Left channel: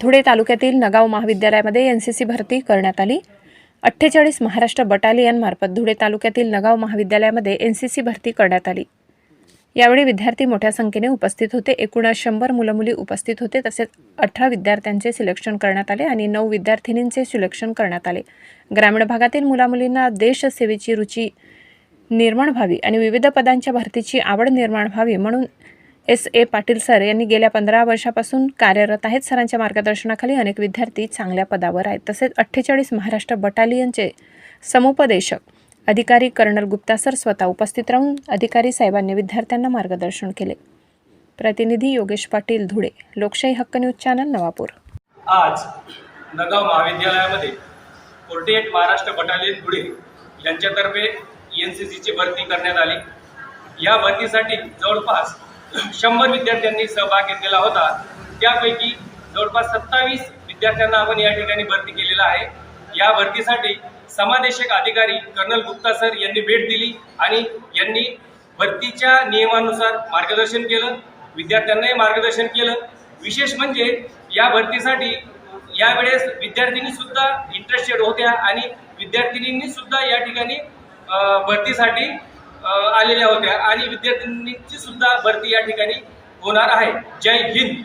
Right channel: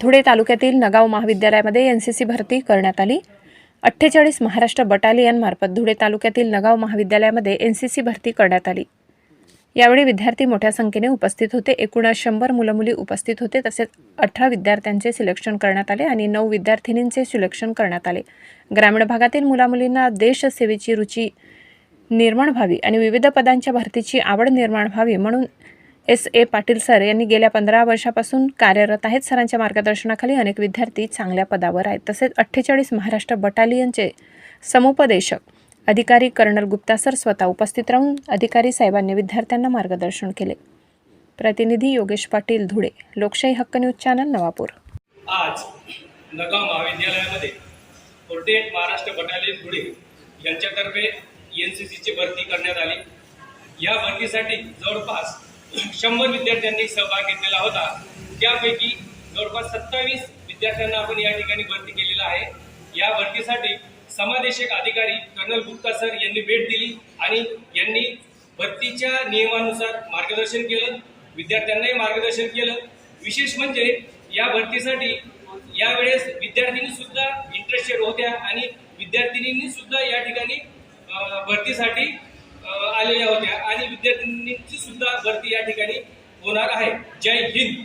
धुळे तालुक्यातील नगाव महाविद्यालयामध्ये एन सी सी भरती करण्यात आली. अठ्ठेचाळीस महाराष्ट्र बटालियनमार्फत धुळे तालुक्यातील नगाव महाविद्यालयामध्ये एन सी सी भरती करण्यात आली. यावेळी विद्यार्थी मोठ्या संख्येने उपस्थित होते. एकूण शंभर मुलं मुली उपस्थित होते. तसेच अठरा विद्यार्थ्यांचे सिलेक्शन करण्यात आले आणि नऊ विद्यार्थिनींचे सिलेक्शन करण्यात आले. ग्रामीण भागातील मुलामुलींना देशसेवेची रुची निर्माण व्हावी आणि विविध पदांच्या भरतीची आवड निर्माण व्हावी म्हणून एस ए पाटील सर यांनी गेल्या पंधरा वर्षापासून कार्यरत आहेत. सरांच्या मार्गदर्शनाखाली अनेक विद्यार्थी चांगल्या पदावर आहेत. तसेच अठ्ठेचाळीस महाराष्ट्र बटालियनचे समुपदेशक अधिकारी कर्नल गुप्ता सर स्वतः उपस्थित राहून अधिकारी साहेबांनी विद्यार्थ्यांना मार्गदर्शन केले. प्रतिनिधी योगेश पाटील धुळे लोकशाही हक्क न्यूज चॅनल नवापूर. आज नगाव महाविद्यालयामध्ये forty eight Maharashtra battalion Dhule यांच्यातर्फे एन सी सीची भरती करण्यात आली. या भरतीसाठी जवळपास शंभर विद्यार्थ्यांनी सहभाग घेतलेला होता. त्यापैकी जवळपास सत्तावीस विद्यार्थ्यांना आपण या ठिकाणी भरती केलेला आहे. या भरतीसाठी समादेशक अधिकारी कर्नल गुप्ता सर यांनी भेट दिली आणि यांनी भरतीच्या नियमानुसार मार्गदर्शन केलं विद्यार्थ्यांनाही मार्गदर्शन केलं. विशेष म्हणजे या भरतीसाठी यावेळेस विद्यार्थिनी सुद्धा इंटरेस्टेड होत्या आणि विद्यार्थिनींनी सुद्धा या ठिकाणी भरतीसाठी आलेल्या होत्या. आणि विद्यार्थ्यांची सुद्धा भरती या ठिकाणी होणार आहे. जय हिंद.